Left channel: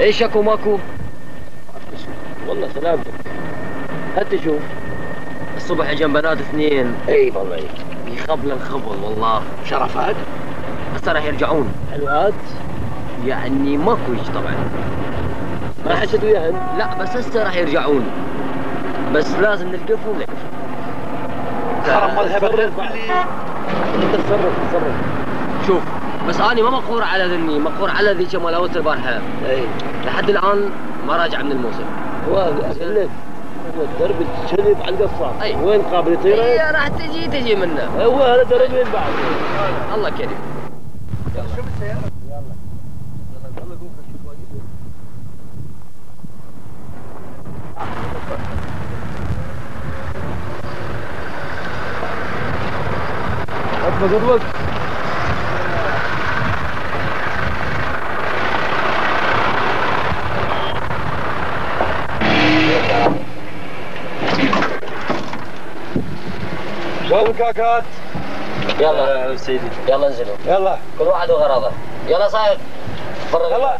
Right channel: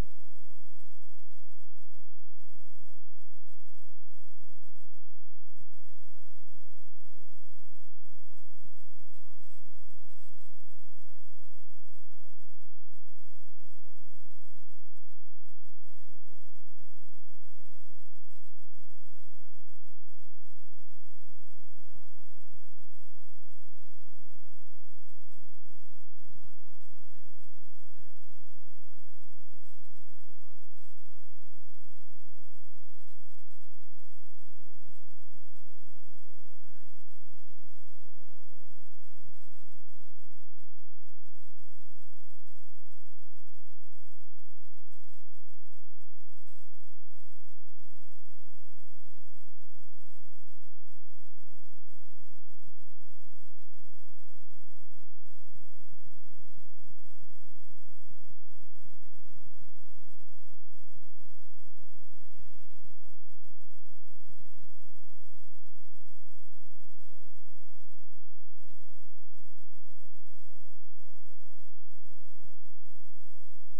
ايش اكو ماكو؟ والله سلامتك. هات شوف الصبح اجا بنات اثنين. اي والله يخبل الخبل والله. شرفات؟ هسه راح يرجعون. حلوات؟ يعني ماكو هيك طبعا. ما حسد وياهن؟ لا بس هسه راح يرجعون. بس لازم نلقفهم لك. حرام مذهبك انت تصرف. شوف بس اني ما مقهور على ذني، مقهور على ذيك مال البارحه. اي لحد الان ما راجع من الموسم. هو اقول لك درب الشلب على القصار. أي. وين قابل يطير؟ اي راح تجي منه. هو هذا دربين بعد. الله كريم. يلا شوف السياره. يلا قوم شوف واجب. قدوك شلون الكاكات؟ يلا سيدي يلا انزلوا. يلا كل واحد وغرضه. يلا صاحب فرغ.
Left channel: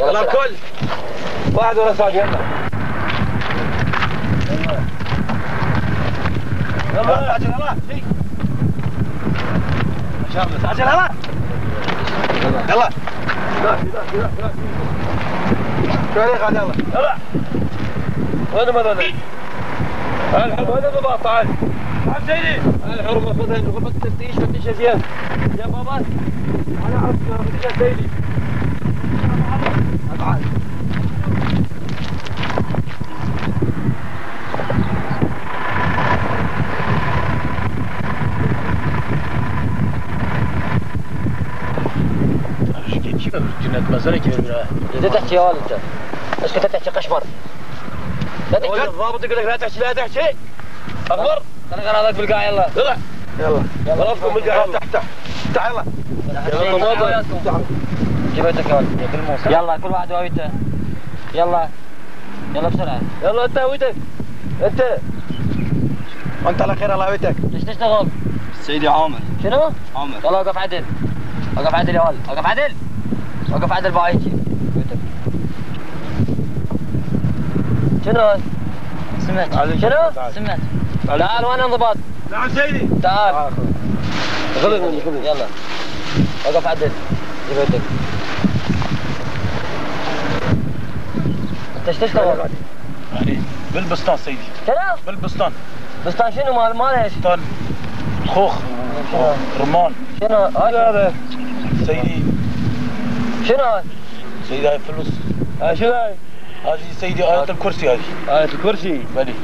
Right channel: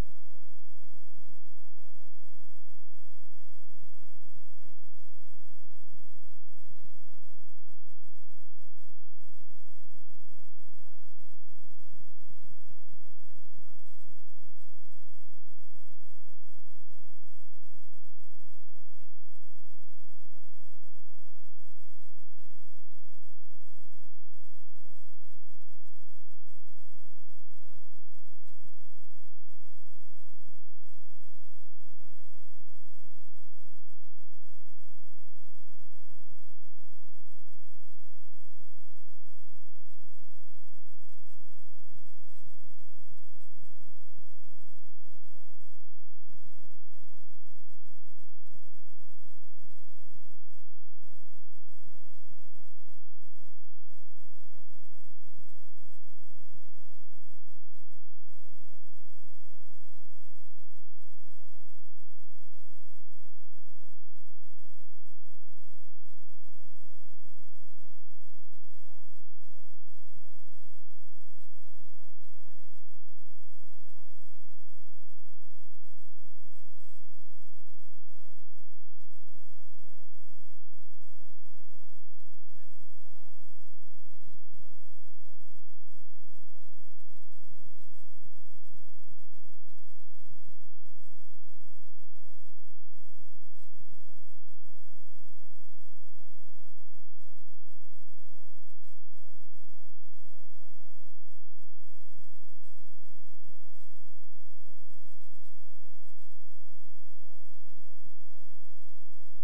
يلا الكل واحد ورا الثاني. يلا تعجل يلا ان شاء الله تعجل يلا يلا شوي قاعد يلا وين هذول؟ الحرب هذا ضباط. تعال تعال سيدي. الحرب خذها من غرفة التفتيش. فتشها زين يا بابا. انا اعرف فتشها سيدي. تعال جنات مسألة كبيرة. انت تحكي يا ولد انت. ايش كنت تحكي قشمر؟ لا تحكي. الضابط يقول لك لا تحكي. اخبر. خلي غراضك بالقاع. يلا يلا غرفكم بالقاع. تحت يلا يلا جبتك يا ولد بالموسم. يلا كل واحد هويته. يلا بسرعة. يلا انت هويتك. انت وانت على خير. الله هويتك. ليش تشتغل؟ سيدي عامر. شنو؟ عامر. يلا وقف عدل. وقف عدل يا ولد. وقف عدل بايجي. شنو؟ سمعت. شنو؟ سمعت. تعال وين انضباط؟ نعم سيدي. تعال. خذني يلا. وقف عدل. جبتك. انت ايش تشتغل؟ يعني بالبستان سيدي. شنو؟ بالبستان. بستان شنو مال ايش؟ بستان خوخ. رمان. شنو هذا سيدي. شنو هذا؟ سيدي هاي فلوس. شنو هاي؟ هذه سيدي آية الكرسي. هذه آية الكرسي. بلي.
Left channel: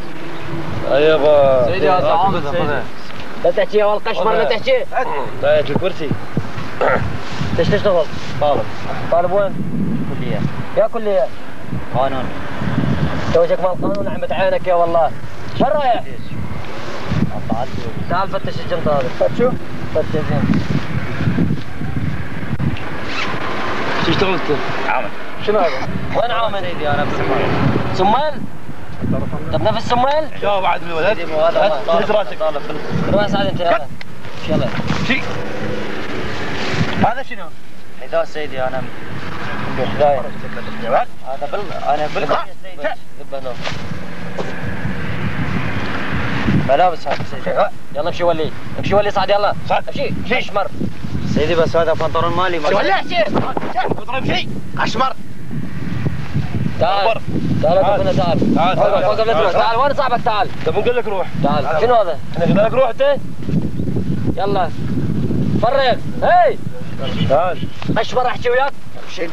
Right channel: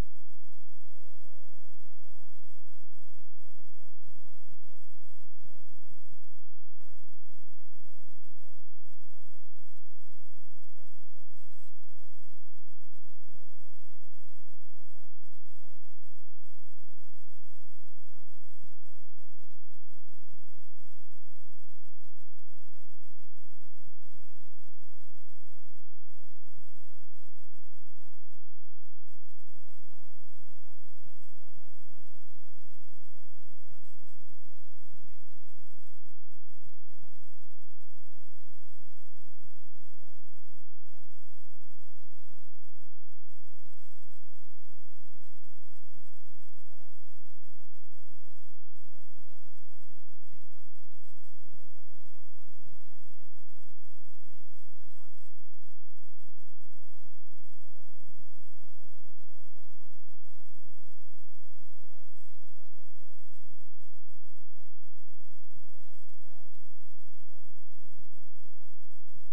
ايوه سيدي هذا عامر. لا تحكي يا ولد قشمر. لا تحكي. آية الكرسي. ايش تشتغل؟ طالب وين؟ كلية. يا كلية قانون. توجك مال القانون عمت عينك يا والله. شو رايح؟ تعال فتش الجنطة هذه. فتشو؟ فتش زين. شو اشتغلت؟ عامر. شنو هذا؟ وين عامل؟ سيدي انا بسمان. سمان؟ طب نفس سمويل؟ شو بعد من الولد؟ هز راسك. روح سعد انت يلا. يلا. شي. هذا شنو؟ حذاء سيدي انا بحذاي. انا بالقضية سيدي. ذبنا. ملابس هذا سيدي. يلا امشي ولي، امشي ولي صعد يلا. صعد. امشي. اشمر. سيدي بس هذا بنطلون مالي ما. ولا شيء. اضرب شيء. اشمر. تعال. تعال تعال. تعال. فوق قبل تروح. تعال وين صاحبك تعال. طب نقول لك روح. تعال. شنو هذا؟ احنا قلنا لك روح انت. يلا. فرغ. هي. تعال. اشمر احكي وياك. شيء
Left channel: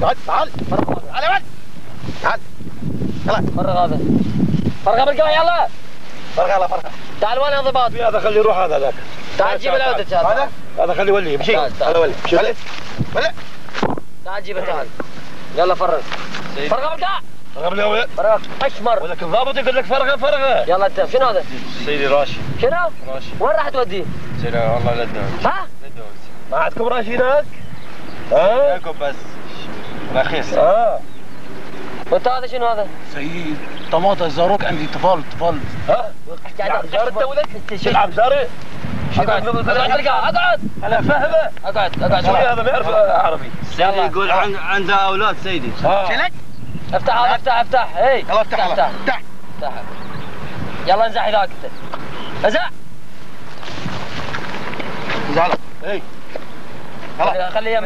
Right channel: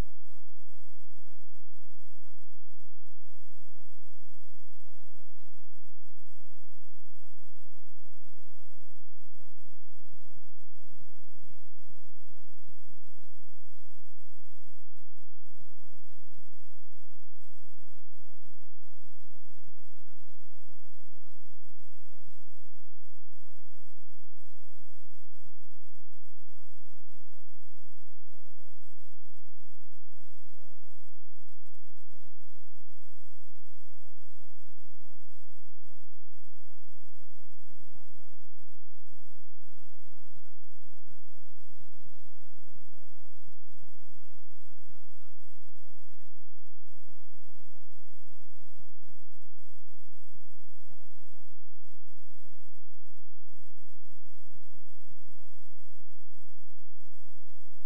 تعال تعال. تعال يا ولد. تعال. يلا. فرغ هذا. فرغ بالقوى يلا. فرغ يلا فرغ. تعال وين انضباط؟ هذا خليه يروح هذا ذاك. تعال جيب العودة تعال. هذا خليه يولي يمشي. هذا ولي. ولي. ولي. تعال جيبه تعال. يلا فرغ. فرغ بالقوى. فرغ بالقوى. فرغ اشمر. ولك الضابط يقول لك فرغه فرغه. يلا انت شنو هذا؟ سيدي راشي. شنو؟ راشي. وين راح توديه؟ سيدي والله لا تدوس. ها؟ لا تدوس. ما عندكم راشي هناك؟ ها؟ ياكل بس رخيص. وانت هذا شنو هذا؟ سيدي طماطة زاروك عندي طفال. ها؟ جار انت ولد؟ تلعب جاري؟ اقعد اقعد. انا فاهمه. اقعد شوي هذا ما يعرف عربي. سيدي يقول عنده اولاد سيدي. شلك؟ افتح هذا افتح. هي. يلا افتح افتح. يلا انزح ذاك انت. انزح. زعل. اي. خليه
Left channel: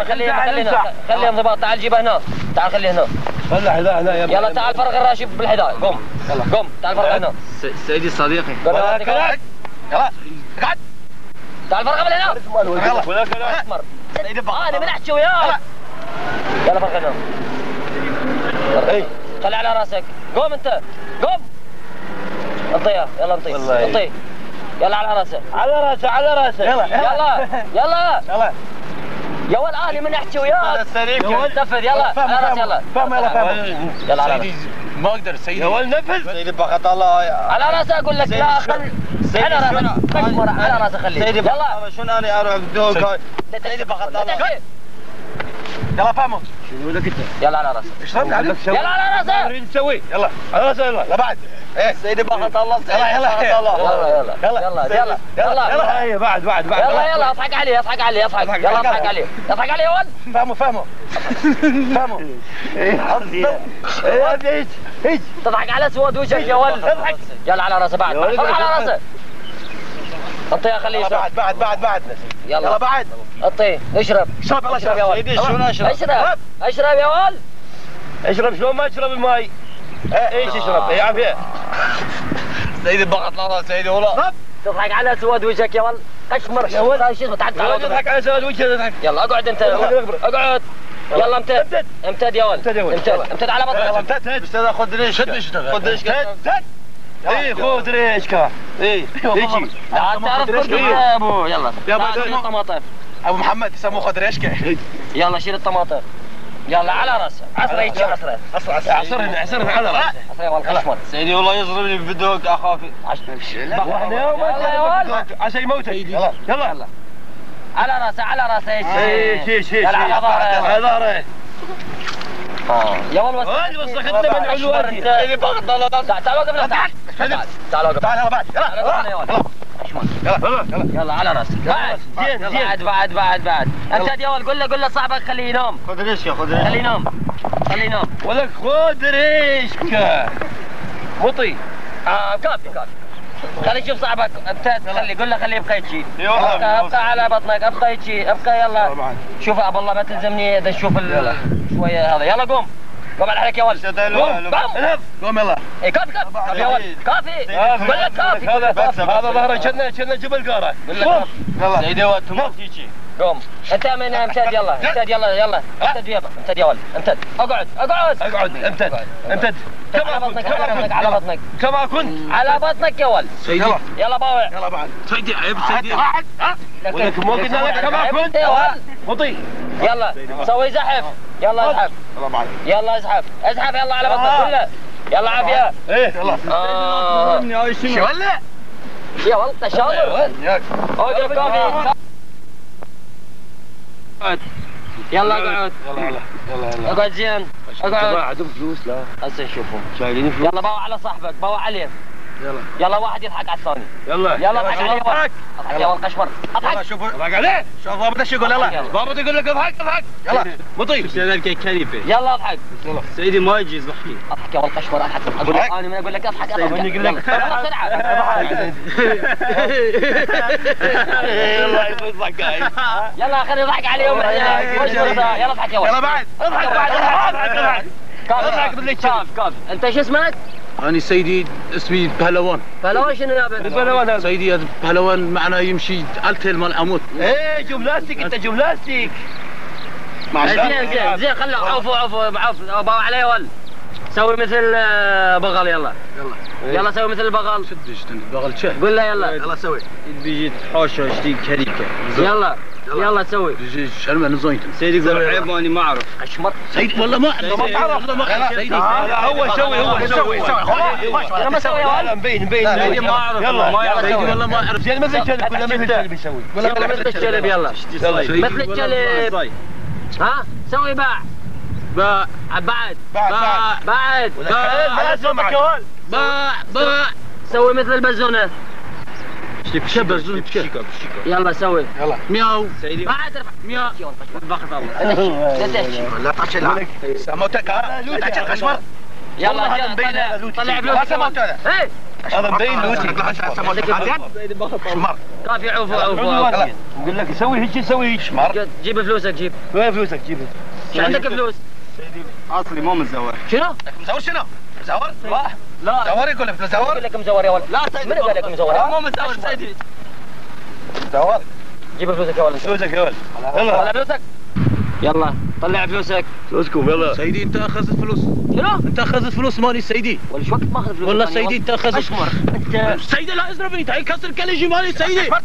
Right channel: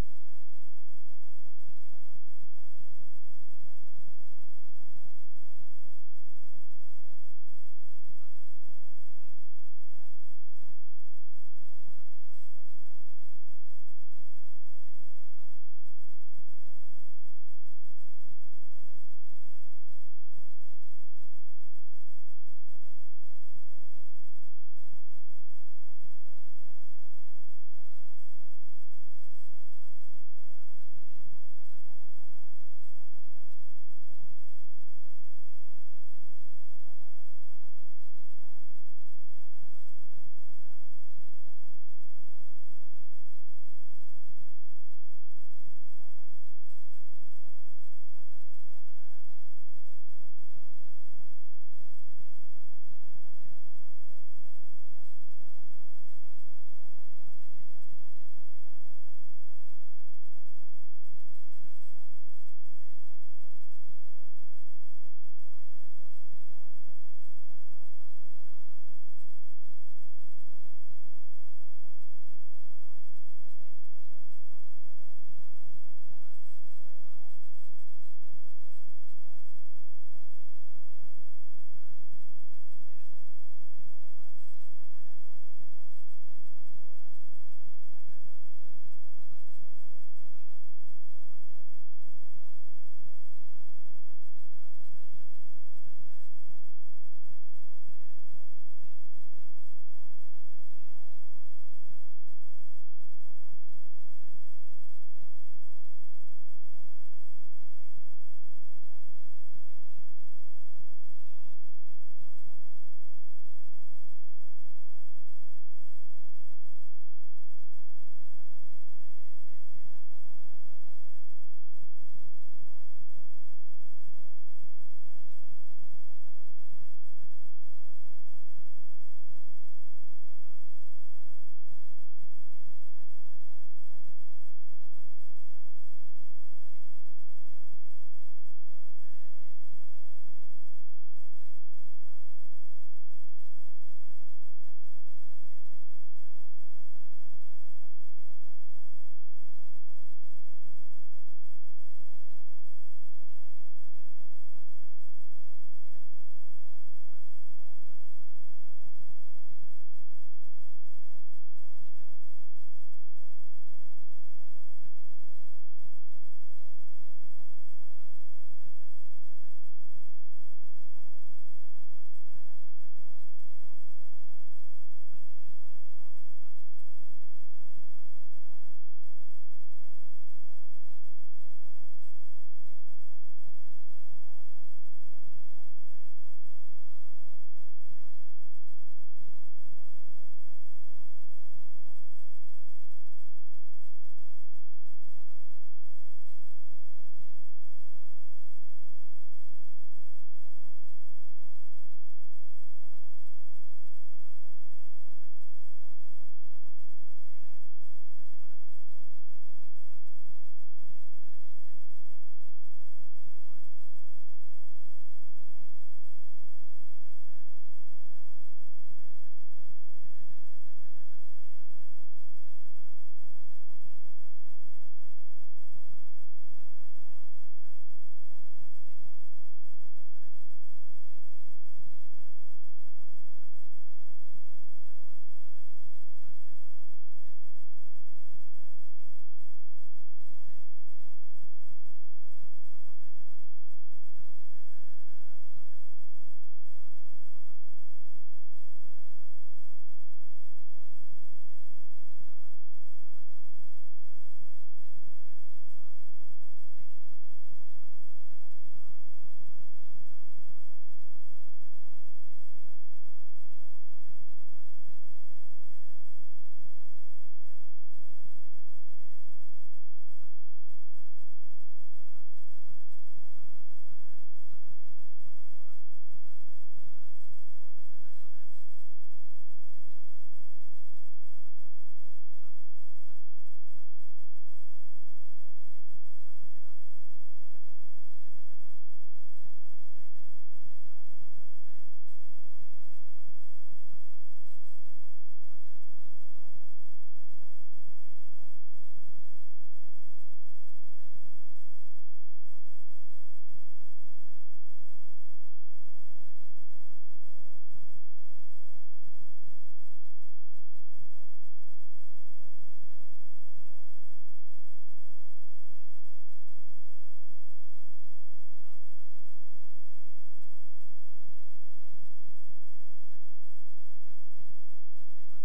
انضباط. تعال جيبه هنا. تعال خليه هنا. خليه هنا يلا تعال فرغ الراشي بالحذاء. قم. يلا قم. تعال فرغ هنا. سيدي صديقي. يلا اقعد. تعال فرغ من هنا. يلا. اسمر. انا من احكي وياك. يلا فرغ هنا. اي. خلي على راسك. قوم انت. قوم. انطيه. يلا انطيه. يلا على راسه. على راسه. يلا. يا ولد انا من احكي وياك. يا ولد نفذ يلا. على راسه يلا. فهم يلا على سيدي ما اقدر سيدي. يا ولد نفذ. سيدي بقت الله. على راسه اقول لك لا خل. على راسك. اشمر على راسه خليه. سيدي يلا. شلون انا اروح بدون سيدي بقت الله. يلا فهموا. شنو لك انت؟ يلا على راسه. ايش رد عليك؟ يلا على راسه. نريد نسوي. يلا على راسه يلا. لا بعد. ايه سيدي بقت الله. يلا. بعد. يلا اضحك عليه. يلا اضحك عليه يا ولد. فهموا. ايه تضحك على سواد وجهك يا ولد. اضحك. يلا على راسه بعد. على راسه. اعطيه خليه يشرب. بعد. يلا بعد. اعطيه اشرب يا ولد. سيدي شلون اشرب؟ اشرب يا ولد. اشرب شلون ما تشرب الماي؟ ايش يشرب؟ اي عافيه. سيدي بقت الله سيدي والله. تضحك على سواد وجهك يا ولد. اشمر يا ولد. شو اسمه تعال تضحك على سواد وجهك تضحك. يلا اقعد انت. اقعد. يلا امتد يا ولد. امتد على بطنك. استاذ خذ ريش. خذ ريش. اي خذ ريشكا. اي يجي. تعرف كردي يا ابو. يلا شيل الطماطم. ابو محمد يسموه خذ ريشكا. يلا شيل الطماطم. يلا على راسه. عصره يجي عصره. عصرنا على راسه. عصره يا ولد اشمر. سيدي والله يضربني بدوق اخافي. واحنا يا ولد عشان يموت. يلا على راسه شي على ظهره. يا ولد وسختنا من علواتي. سيدي بقت الله. تعال وقف له. تعال وقف. تعال يلا بعد. يلا على راسك. بعد. امتد يا ولد. قول له صاحبك خليه ينام. خذ ريشكا. خليه ينام. ولك خذ ريشكا. مطي. كافي. خلي يشوف صاحبك. قول له خليه يبقى يجي. ابقى على بطنك. ابقى يجي. يلا. شوف ابو الله ما تلزمني اذا تشوف شويه هذا. يلا قوم على حالك يا ولد. قوم يلا. اي كافي يا ولد. كافي. قول لك كافي. هذا ظهره كنا جبل قاره. يلا سيدي وقت ما تيجي. قوم انت من امتد. يلا امتد يا ولد. امتد. اقعد. امتد. على بطنك. كما كنت. على بطنك يا ولد. سيدي. يلا باوع. يلا بعد. سيدي عيب سيدي. ولك مو قلنا لك كما كنت يا ولد. مطي. يلا سوي زحف. يلا ازحف. يلا ازحف. يلا على بطنك كله. يلا عافيه. ايه يلا. شو ولا؟ يا ولد تشاور. اوقف كافي. يلا اقعد. يلا اقعد زين. اقعد. عندهم فلوس لا هسه نشوفهم. شايلين فلوس. يلا باوع على صاحبك، باوع عليه. يلا واحد يضحك على الثاني. يلا اضحك عليه. اضحك يا ولد قشمر. اضحك. شوف اضحك عليه. شوف ضابط ايش يقول. يلا ضابط يقول لك اضحك. يلا مطيب. يلا اضحك. سيدي ما يجي يضحك. اضحك يا ولد قشمر. اضحك. اقول لك انا من اقول لك اضحك. من يقول لك يلا بسرعه. يلا يضحك. يلا خلينا نضحك عليهم. يلا اضحك يا ولد. يلا بعد اضحك. كاف انت شو اسمك؟ أنا سيدي اسمي بهلوان. بهلوان شنو يا بنت؟ بهلوان. سيدي بهلوان معناه يمشي التل مال عمود. ايه جملاستيك انت جملاستيك. زين خلوا عوفوا باوع عليه ول. سوي مثل بغل. يلا سوي مثل البغل. شدش بغل شهر. قول له يلا سوي. بيجي تحوشه اشتي كريكه. يلا سوي. بيجي شرمه نزوينتم. سيدي يقول عيب اني ما اعرف. اشمر. سيدي والله ما تعرف. والله ما أعرف. سيدي لا هو يسوي. انا ما اسوي يا ولد. مبين سيدي ما اعرف. يلا ما يعرف. سيدي والله ما أعرف. زين مثل الكلب ولا مثل الكلب يسوي. يلا مثل الكلب. يلا مثل الكلب. ها سوي باع. باع بعد. باع سوي مثل البزونه. شبر زون بشكل. يلا سوي. مياو. سيدي بعد ارفع. مياو. بخت الله. لا تشيل. سموتك لوتي الخشمر. يلا طلع فلوس. ايه هذا مبين لوتي. شمر. كافي عوفوا. يقول لك سوي هيك سوي هيك. شمر. جيب فلوسك. جيب. وين فلوسك جيب؟ شو عندك فلوس؟ سيدي اصلي مو متزوج. شنو؟ مزور شنو؟ مزور؟ لا مزور يقول لك مزور؟ يقول لك مزور يا ولد. لا سيدي من قال لك مزور؟ مو متزوج سيدي. مزور. جيب فلوسك يا ولد. فلوسك يا ولد. طلع فلوسك. يلا طلع فلوسك. فلوسكم يلا. سيدي انت اخذت فلوس. شنو؟ انت اخذت فلوس مالي سيدي. ولا شو وقت ما اخذ فلوس؟ والله سيدي انت اخذت. اشمر. انت سيدي لا اضربني تعال كسر كلجي مالي سيدي. فوق.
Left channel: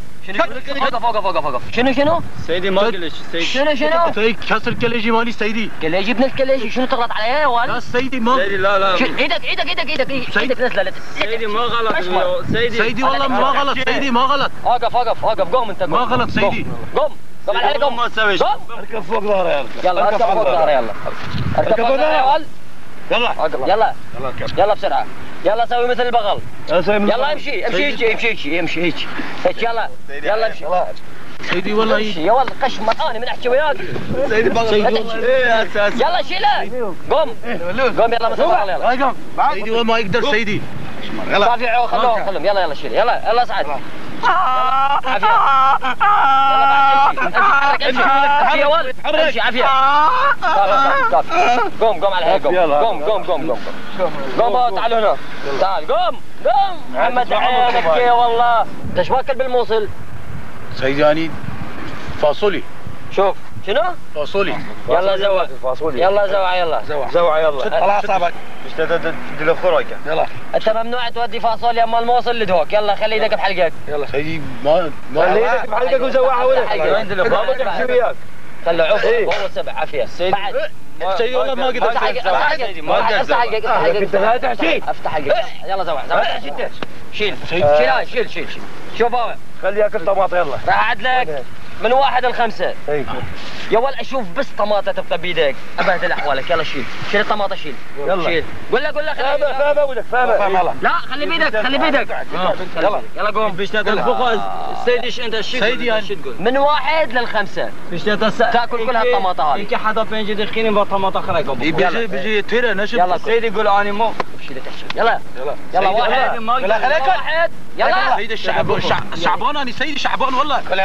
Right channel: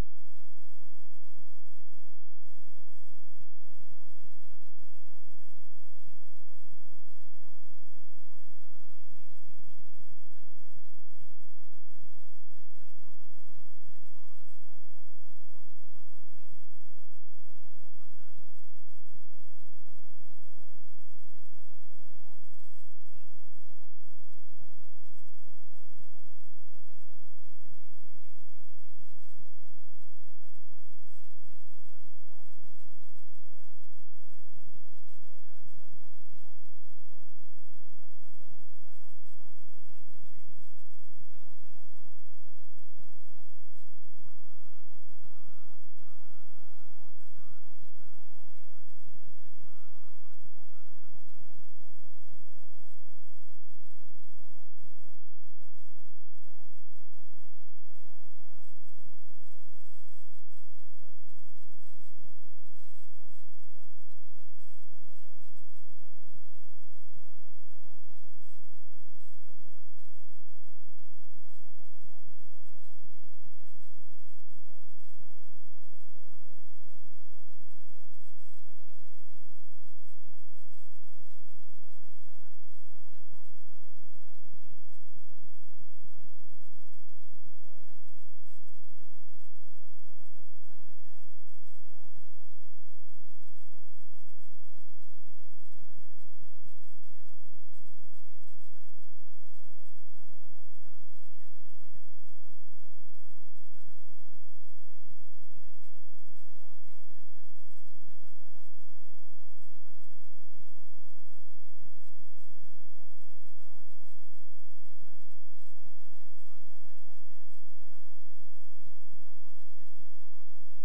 شنو؟ سيدي ما قلش سيدي. شنو؟ سيدي كسر كلجي مالي سيدي. كليجي ابن الكليجي. شنو تغلط علي يا ولد؟ لا سيدي ما. سيدي لا ايدك نزلت. سيدي ما غلط. سيدي والله ما غلط سيدي ما غلط. وقف قوم انت. ما غلط سيدي. قوم على قوم. ما تسوي شيء. قوم. اركب فوق ظهره يلا. يلا اركب فوق ظهره. يلا اركب فوق ظهره يا ولد. يلا. يلا بسرعه. يلا سوي مثل البغل. يلا امشي هيك. يلا امشي. سيدي والله امشي يا ولد قشمر. انا من احكي وياك. سيدي بغل. ايه اساس. يلا شيله. قوم يلا مثل البغل. يلا سيدي والله ما يقدر سيدي. رافع. خلهم. يلا شيل. يلا اصعد. عافية. امشي يا ولد. امشي عافية. قوم على هيك. قوم تعال هنا. تعال قوم. محمد عينك يا والله. انت ايش واكل بالموصل؟ سيدي يعني فاصولي. شوف شنو؟ فاصولي. يلا زوعة. يلا طلع اعصابك. مش تدي له خرقه. يلا. انت ممنوع تودي فاصوليا اما الموصل لدهوك. يلا خلي ايدك بحلقك. سيدي ما خلي ايدك بحلقك وزوعها ولا بابا تحكي وياك. خلوا عوف. هو سبع عافية. بعد سيدي والله ما قدرت. افتح حلقك. انت لا تحكي. افتح حلقك. يلا زوع. شيل. شوف هو. خلي ياكل طماطم يلا. راح اعد لك من 1 ل 5. يا ولد اشوف بس طماطه تبقى بيدك. ابهدل احوالك. يلا شيل الطماطه. شيل. قول له فاهمه ولك فاهمه. لا خلي بيدك. يلا قوم. سيدي انت شو سيدي يعني من 1 ل 5 تاكل كل هالطماطه هذه. يمكن حدا بيجي دخيني بطماطه خرقه. بيجي تيرا نشب. يلا سيدي يقول اني مو. يلا 1. يلا سيدي شعبان انا سيدي شعبان والله. كل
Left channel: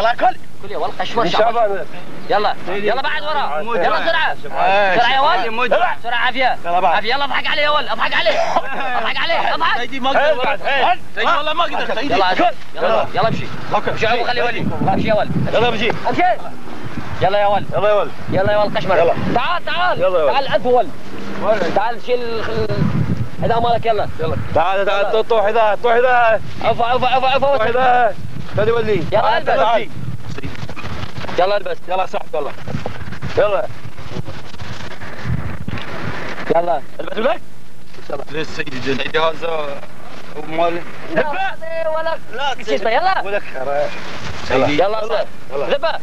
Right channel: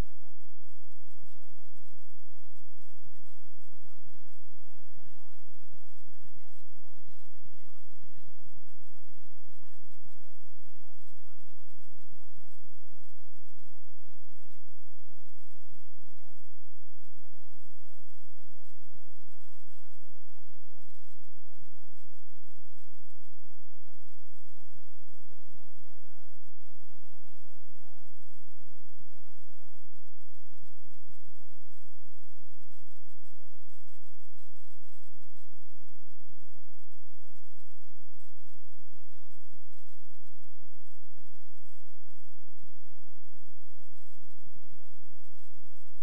يا ولد قشمر شعبان. يلا بعد ورا. يلا بسرعه يا ولد. بسرعه عافيه. يلا اضحك عليه يا ولد. اضحك عليه. سيدي ما قدر. سيدي والله ما قدر سيدي. يلا امشي. امشي خلي ولي. امشي يا ولد. يلا امشي. يلا يا ولد. يلا يا ولد قشمر. تعال اطول. تعال شيل هذا مالك. يلا تعال طوح ذا عفوا خلي ولي. يلا البس. يلا البس. يلا صح يلا البس ولك. ليش سيدي جد. سيدي هذا مال. لا شو اسمه. يلا ولك سيدي يلا ذبه.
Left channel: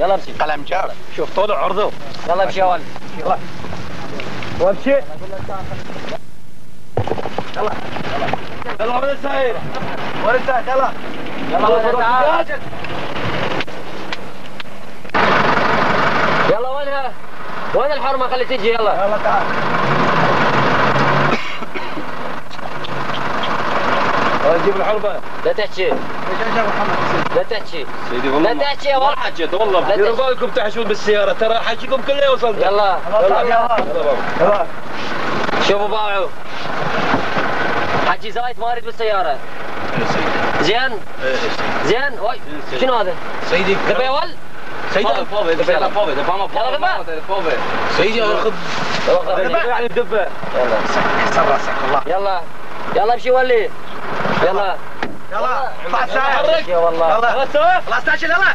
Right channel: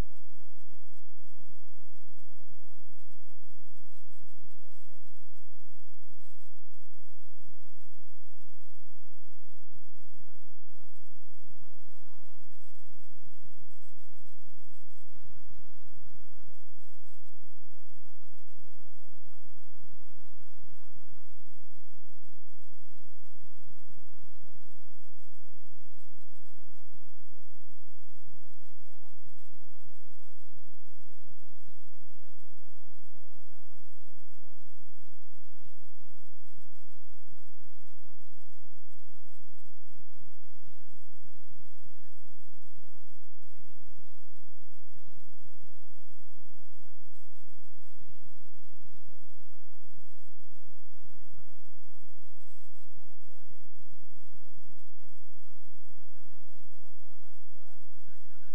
يلا امشي قلم جاف. شوف طول عرضه. يلا امشي يا ولد. يلا وامشي. يلا يلا ولد سعيد. ولد سعيد يلا. يلا ولد تعال. يلا وينها؟ وين الحرمة خلي تجي يلا. يلا تعال. جيب الحربة. لا تحكي. ايش يا محمد؟ لا تحكي. سيدي والله لا تحكي يا ولد. حكيت والله. ديروا بالكم تحشون بالسيارة ترى حكيكم كله وصلت. يلا. يلا. شوفوا باوعوا. حكي زايد ما اريد بالسيارة. زين؟ زين؟ وي شنو هذا؟ سيدي دبي يا ولد؟ سيدي فوفي يلا فوفي سيدي اخذ يعني الدبة. يلا. احسن راسك والله. يلا. يلا امشي ولي. يلا. يلا اطلع ساعة. يا والله. يلا سوا. خلاص تعال يلا.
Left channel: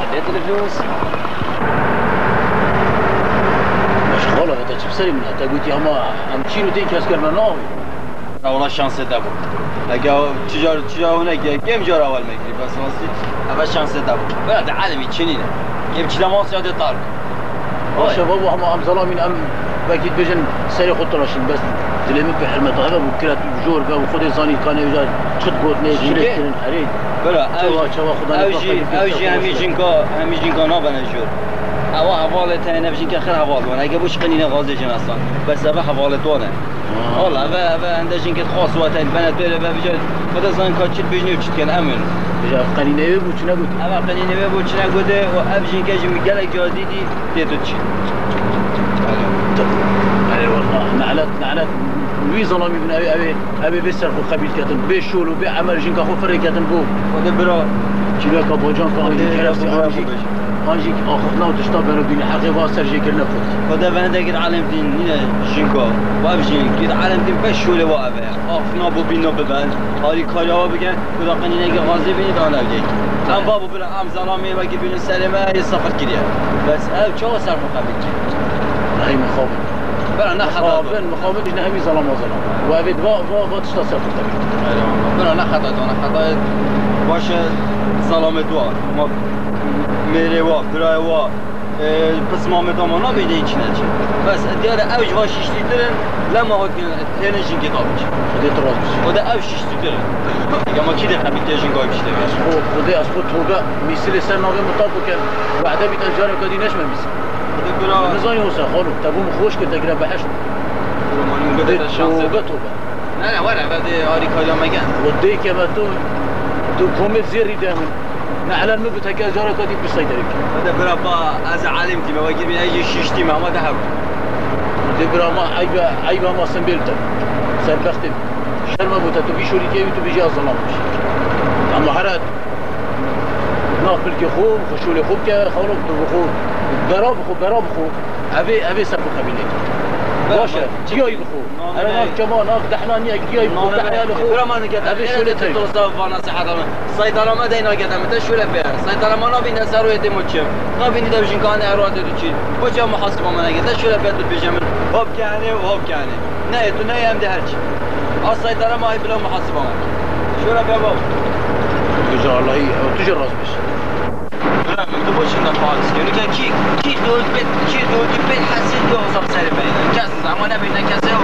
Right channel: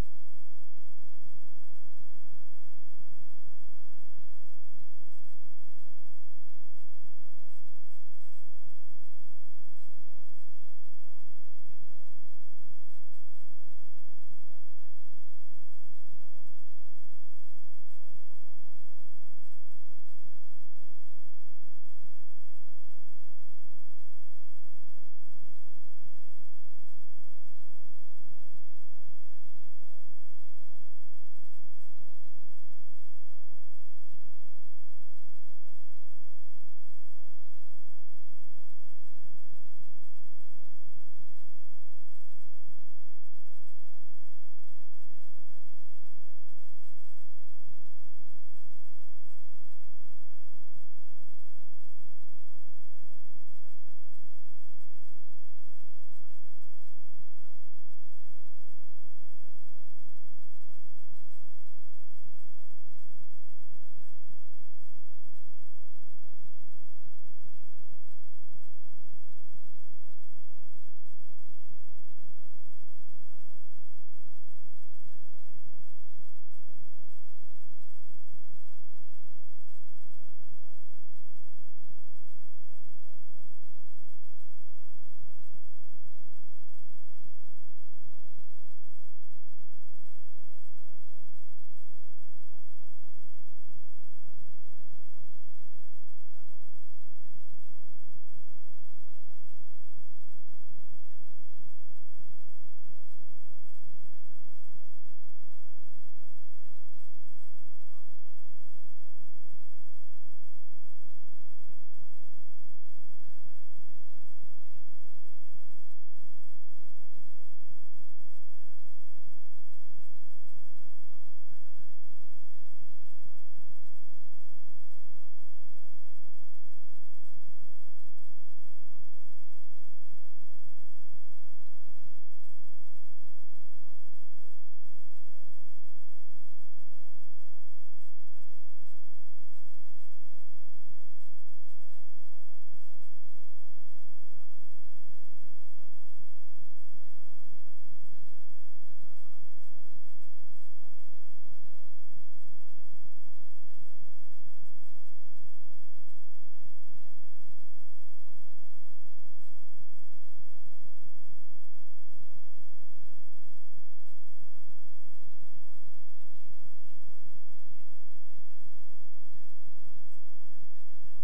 عديت الفلوس. مشغولة هذا شو بسوي منها تقول يا ما عم تشيلوا تيجي اسكر مناوي والله شانس دابو. اگه تجار هناك كم جار اول میگیری بس واسه اول شانس دابو. بعد عالمی چنینه. يم چلا ما سیاده تارک. شباب هم ظلامين ام باكيد بيجن سري خط راشين بس تلمك بحلمة هذا وكلت بجور بقى وخذ زاني كان يجا شد قوتني شريك كن حريد بلا اوجي همي جنكا نابن جور هوا حواله تاينه بجين که خیر حوال ونه اگه بوش قنینه غازه جن اصلا بس اوه حواله دونه والله اوه انده جنکت خاص و تاین بنت بره و بجا خدا زان کا چیت بجنی و چیت کن امن بجا قنینه بو چنا گوت اوه قنینه بو چنا گوده و اب جنکه جمی گلک جا دیدی دیدو چی والله نعلت وي ظلامي من ابي بيسر خو خبيل كاتن بيشول وبيعمل جنكا خو فري كاتن بو خدا برا كيلو كابوجان كان انجي اخذنا وتشطب بينو بين حقي واسر جيكر نفوت خدا بنده قد علم دين هنا جنكا واب جين قد علم دين بشول وابه اخنا بو بينو ببند هاري كاريا بگن خدا قنينه که غازي بيني دانا بجي ام بابو برا ام ظلامي وقت بين سلمه يسافر كريا بس او چا صرف قبل هاي مخابن برا مخابن مخابن نهمي ظلام وظلام وابد با تشتصر برا نخطا خطا باشه ظلام دوار ما میره وا برای وا پس ما مدام نمیده هیچ نچه بس دیاره اوج وا شیشتی دارن لما ها تنشین کتابش خودت راز بشی خدا اوج شیشتی دارن دیگه ما کی دقیقه بیتشین گای بیشتر بیش خودی از خود توبه میسیل سر ناقه مطابق کن وعده بیت انجار کدی نشمه میسیل خدا برا نزایی حسین خانم تبوم خوش که تگره بحشت توبه نه وره بعد آری کاریا مگن ودی که با تو کومت زیری دامن نعلن نبت هكذا جارة كدي بالصيدلة. هذا برا با از علمتي ما بقول بين أي شيشتي ما ده هو. ده برا ما عيبة ما سنبلته. سنبختم. شرم بوته تبي شوري كي تبي جاز ظلام. أما حرات ناقل كخوب خشولي خوب كخالق بخوب. براب خو. أبي سبب خبيني. باشه جیای بخو انا كمان دحنا نيا جیای بخو دحنا بخو برا ما نقدر ابي شو لتي توصل وانا صحراء صيدله ما دينا قدام انت شو لبيع صيدله ما نبين سرو يدي مچم نبين ده بجين كان اراد تدشي وجا محاسبه ما نقدر شو لبيع بجمل هوب يعني وهوب يعني نه تو نه هم ده هرچی صيدله ما هي بلا محاسبه ما شو لبيع بابا تجار الله تجار راس بش لا من بوشين خالص يعني كي دول بيت حسين دو صار سالي بينا كاس زمان بينا كاسه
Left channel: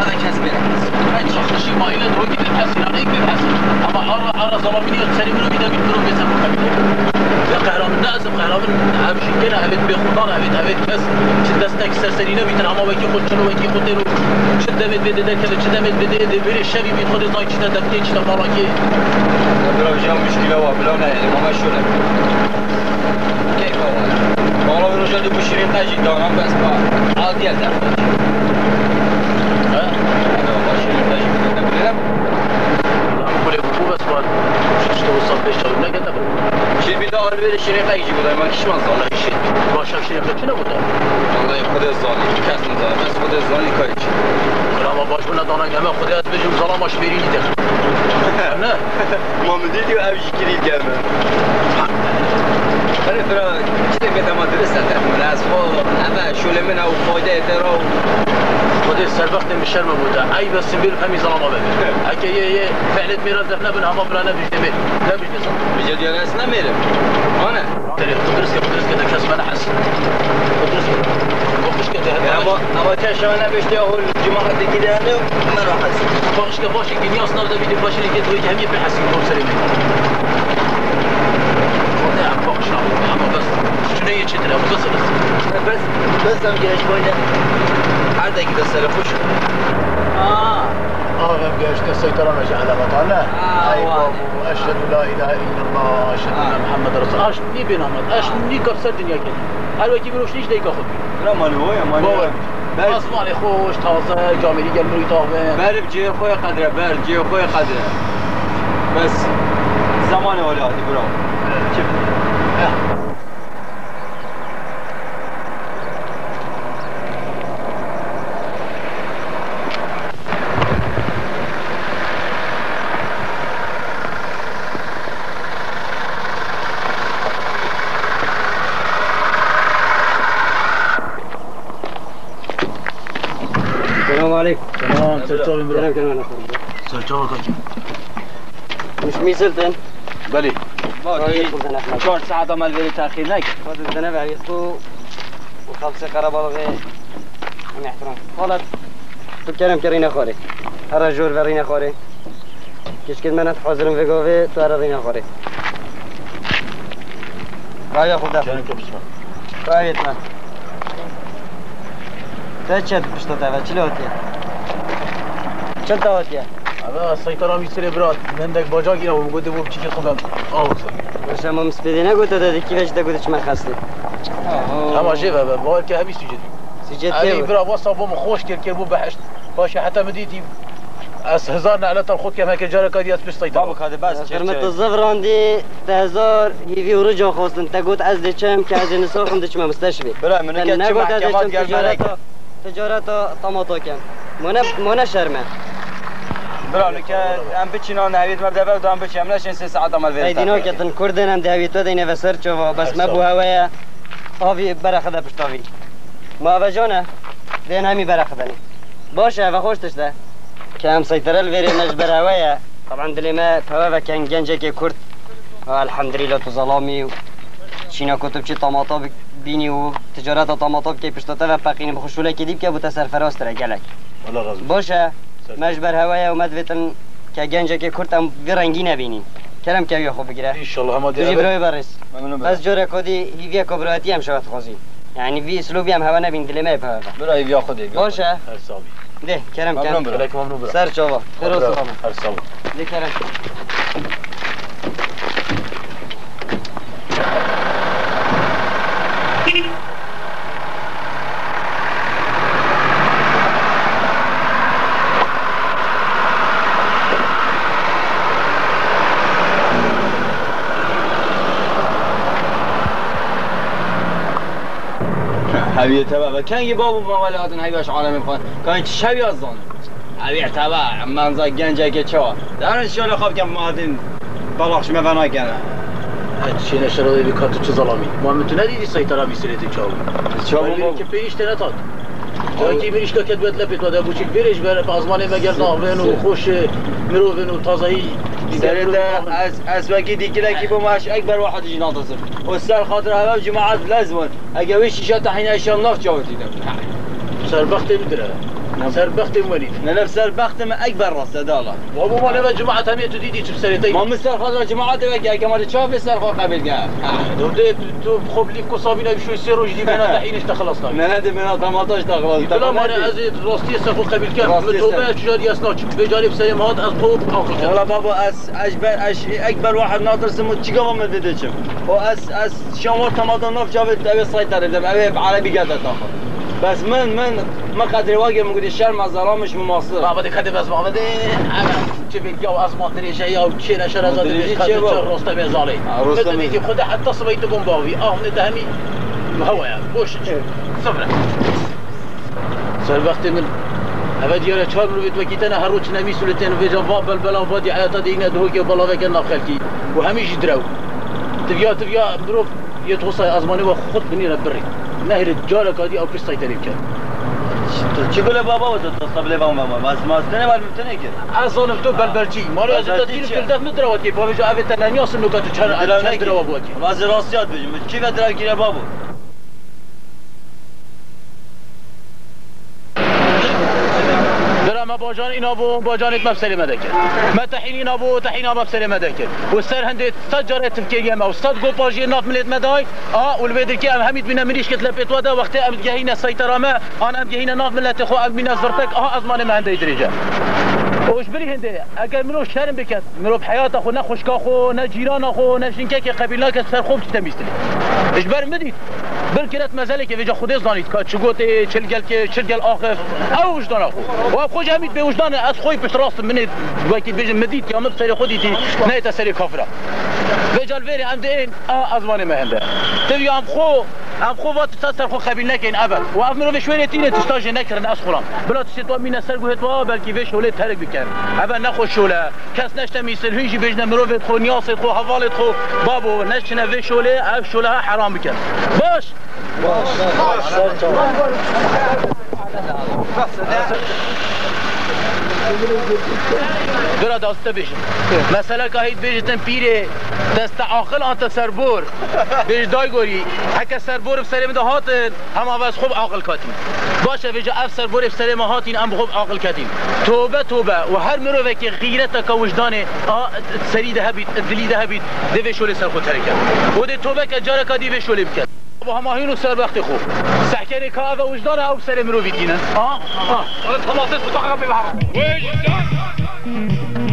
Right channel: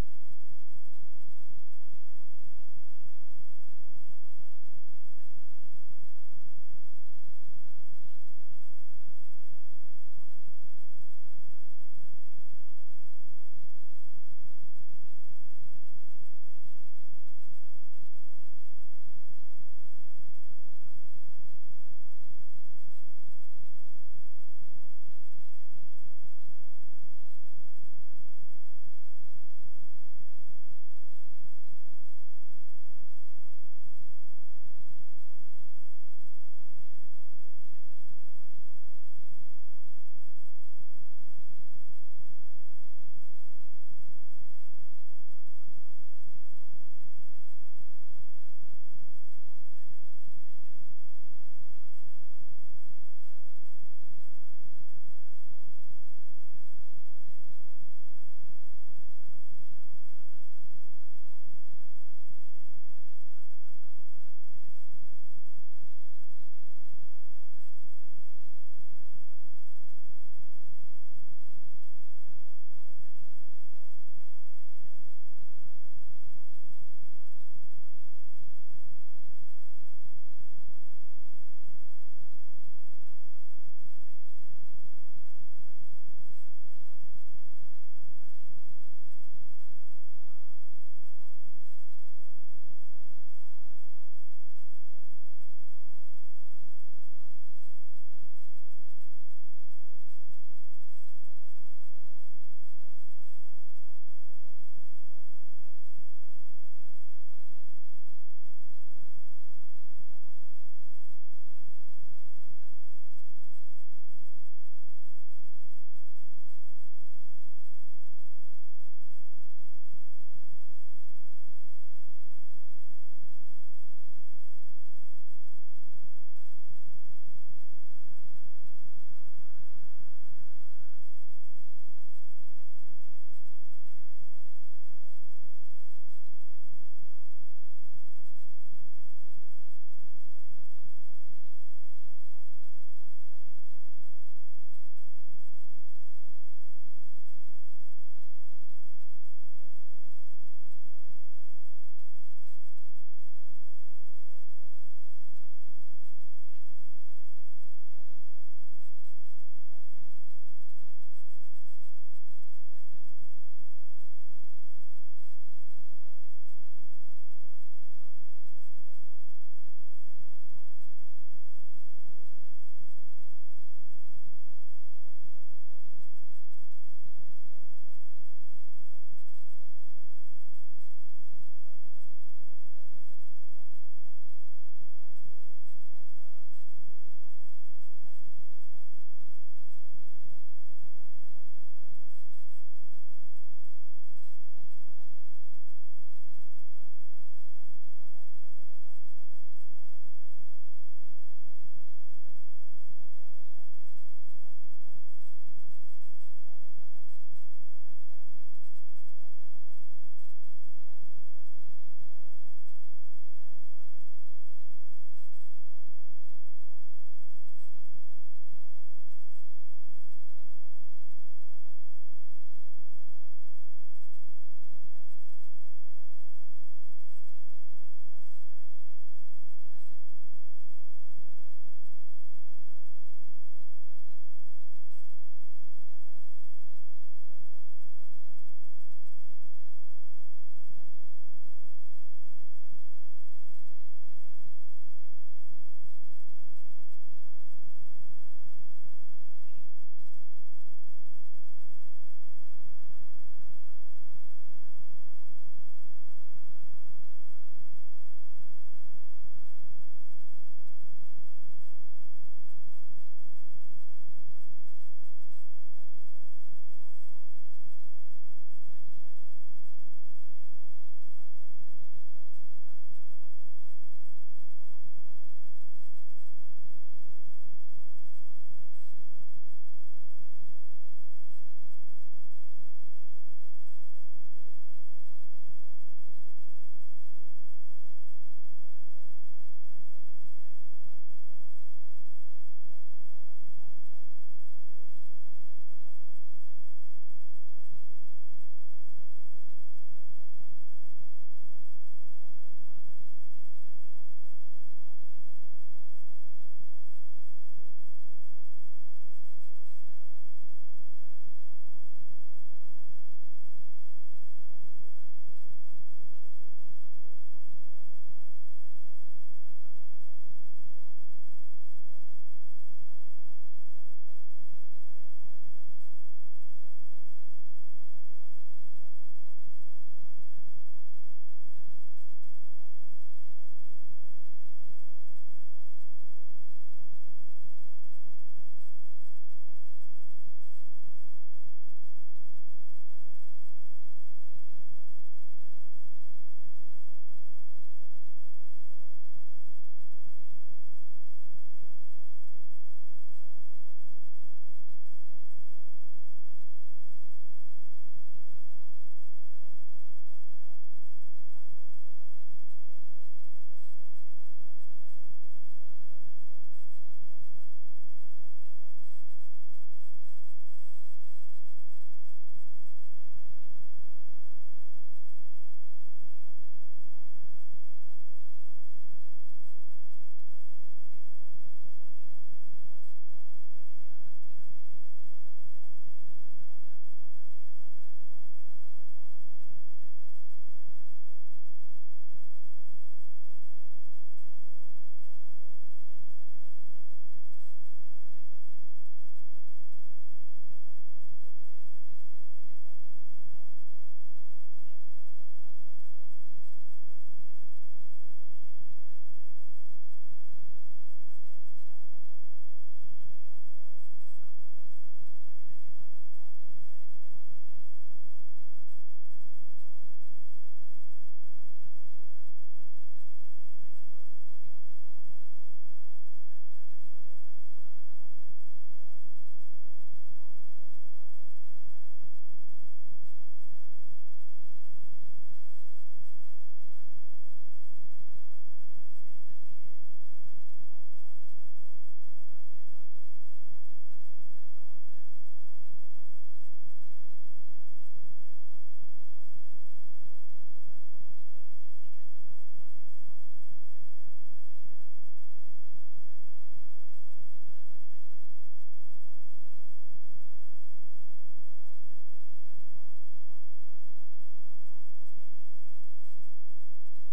هذا كاس بينا هاي شخصي ما إلى دروجي الحسين أنا يكفي الحسين أما أرى ظلامني تسلي منه كده بيدرون بيسافر خبيث يا قهرمان ناس قهرمان عبشي كنا عبيد بيخوضان عبيد كاس شد دستك سرسرينا بيتنا عما ويكي خود شنو ويكي خود ديرو شد مد بده ده كذا شد مد بده ده بير الشبي بيخود زاي شد دفتي شد فراكي بلا جام مشكلة وبلا نهي ما مشوله كيف هو والله الرجال بشيرين تاجي دانا بس با عادي الدم ها انا بشيرين تاجي بدنا كل ابو بس بعد شو توصل بيش تو نقدر شيء بيدور بير شيرين تاجي ولا ما كيش من والله شيء باشا شيء شنو بده والله خد الزاني كاس نزار بس خد الزاني كايش ما باش ولا دانا جماعه خد بيجي ظلام شبيريني دخل انا ما مديدي وابجي كريد جامع أنا ترى كده كده مدرسة تعمل أسفل أما شو اللي منها وفايدة ترى خد السبب وقت من الشرم بوده اي بس بيل فمي ظلمه بده هكي فعلت ميراث دفنا بنها ما بلا نبي دمير لا مش نص بجد يا ناس نمير انا تدرس كده كاس ما نحس تدرس مش كده اما تشا انا بيشتي اول الجمعه دي كده انا ما راح اسمع باش كباش كني اصلا ده فيديو باش اللي كده وجه همي بحسين دور سليم والله عم باش عم بس شنو هي كده بس هم جاي شويه هذا كده سلفوش هم جايش السيطرة ماشي على بطالة ايوه واشهد لا اله الا الله اشهد ان محمد رسول الله اشني بنامد اشني كسر الدنيا كده هل وكي بروش ليش ديك اخذ لا مالي هو يا مالي اسمعني خوش تازه جامعي قال له يطاوه بارب جي خويا قدره بارب جي خويا قدره بس زمان ولادي برو شوف السلام عليكم. تمام سلطان برو كلام سلطان مش ميسلتن بلي شهر ساعة ما الفيديو تأخير لك خذ الذنب عيسكو وخلص قرابة من احترام خالد تو كرينا خوري هر جور ورينا خوري كيش كد منت حاضرم في قوي تو هر رينا خوري رايا خدا رايا تمام تشد بشتاته و چلو هاتیه چند تا هاتیه هذا السيطرة ميسري برات من عندك باجاكي او بقول دبوب تشيك خدام باش ما مسپیدی نگوت دادی کیفش دگوتش من خستی اما جيبها بقول كهبي سجد سجد علي تيو برا وصل بوم خوش كركبو بحشت باش حتى مديتي اس هزارنا على الخوت كما كجارك هذه اسبش سيطرة بابك هذا بس خرمت الزفران دي تهزار هيفي ورجع خواستن تقوت از ديشم که از نساخم ديشم مستشفي برا من كده نقوت از محكمات ديشم قال تجارتا طماطو كم منا شرمه برا من كده ام بتشينا نهيت مبدا بعد ام بتشي املاش 3 ساعات ما الفيديو ايدينا كتن كردن هم دهویتو دینه و سر چوا بس ما بو هوایا آوی برخده پشتاوی ما وجانه دین همی برخدنی باشه و خوش تشته که هم سیطره الویری نجبر هوایا طبعا دلی ما فوا و کن گنجه که کرد الحمدلله تو ظلامی و چینا کتب چی طماطا بینی و تجارت طماطا که پشتاته و پقینی بخوشوله که دیب که بوتا سرفراز تره گلک والله غزو باشه مجبر هوایا و مدویتن که گنجه که کرد هم وی رنگی نبینی کرم که یا خوب بگیره ان شاء الله هم تجي براي برس ممنون بس جورا كودي هيفيا كبراتي هم شوات خوزي يعني في اسلوبي هم هوا نبين دلي ما يفهم برا ياخذ باشه هرسابي ده كرم ممنون كان برا. عليك ممنون برا سر شوفا خير وسلامه هرسابي ده كرم هبي تبع كان يبابو موالات هيباش عالم فان كان شبي اظن هبي تبع منزل گنجه که چوا در شلون خوب كم مادين بلاخش ما بنا كان هادشي نشر اللي كاتو تشي ظلامي ما متنادي دي سيطرة بيسريت تشاو شو که پیش تنطاد جاکی بریش که کدوت لپیت و دبوچی بریش بره پازمانی مگر ناوین و خوش مروین و تازهی سرد از وقتی دیگه کی با ماش اکبر واحد يجي ناطر والسر خاطر هذا جماعات لازم اجا وش شات حين اشياء نفط جوتي سربخت مدره سربخت وليد نفس سربخت من اكبر راس داله وابو ما لما جماعه هميه تديدي تبسريتي ما مستر خاطر جماعات وقع كمان تشوف سر خو قبل قال دودي تو خب لي كوصابينا بشو يصيروا جدي بنا الحين اشتخلصنا من هذا من 18 تخلص لا ما انا ازيد راستي سفو قبل كان متوبه شجار ياسناش بجانب سليم هاد از طوب اخر والله بابا اكبر واحد ناطر سمو تشيغو من فيديوشم واس شمال تمام نف جابت ابي سيطره دم ابي عربي قاعده تاخذ بس من ما قدر واقع موجود الشر مع ظلامش مماصر ما بدك كده بس ما بدي انا تبي الجو ازمه دريجه يا وشي نشر هذا رستم بيزالي بدي خد حتى صبيت بومباوي من دهمي هوا يعني بوش صبره سربخت من ابد يا چهار رو تو کیتن هر روز نمی سولتن و جواب بلبلا و بادی حیاتا دیگه دو که بالا وکن ناخلکی و همیش درو تبیا برو یه توصای ازمانی و خود بنی ربری نهر الجالة كادي أو كريستاي تريب كان چی گله بابا و تو تصبله با ماما ما استنه ولی متنه که اصلا تو بلبلچی ماری از تدیر کرده مدروا کی بابا جا اوت تنیا سن نکات چرا دروا بود کی واز راستیات بجم کی دروا کی بابا باجان اینا بو باجانت مبسله مدکر ما تحین اینا بو تحینا مبسله مدکر و سر هندت سجاره تفکیه ما و صد گو باجی ناف ملت مدای والبدر کی ام حمید بنا مریش کتل پیتوادا وقتی ام جهینا سیطره ما انا ام جهینا ناف ملت خو ام بنا زرتک ازمان ما هنده درجه وش بری هنده اگر منو شرم بکد منو بحیات خو نه خوشکا خو نه جیران خو نه شینکه که قبیله که سر خوب تمیستلی اش بر مدید بالكرات مازال كيف جا خدي زانيت كات شغوتي تشلقل اخف او وجدان اخو واخو جامد بوجدان اس خوي باش راس من وقت بيجي مديت يا مبصري خديتي نايت سري كفره بجال فيري عندين ازماني ما هنده تبي ام خو وقت تسر خو خبيل نكين ابد وافمرو بشويه تينه تستاج نكرن اسخرام بلا تشتوا من سر قهتوا بلكي فيش ولا ترك بكن ابد نخو شوله كاس نشته ميسل هيجي بيجنا مروفت خو نياس خو حوالت خو بابو نشنا فيش ولا اف شوله حرام بكن باش برا داسته بيجي مثلا كهيد بيجتن بيري دست عاقل انت سربور بيج داي غوري هكا سربور بسلام ده هاتن هم عوض خوب عاقل كاتين باشه بيجا اف سربور بسلام هاتين ام خوب عاقل كاتين توبه وهر مروه كي غيرتك وجدانه سري ده بيت دلي ده بيت دي شولي سر خو تركه ودي توبه كجاره كدي في شولي بكت با هماهین و سر وقت خوب سحکر کار و وجدان او سر مرو بیتینن خلاص تو عقب ببهر وجدان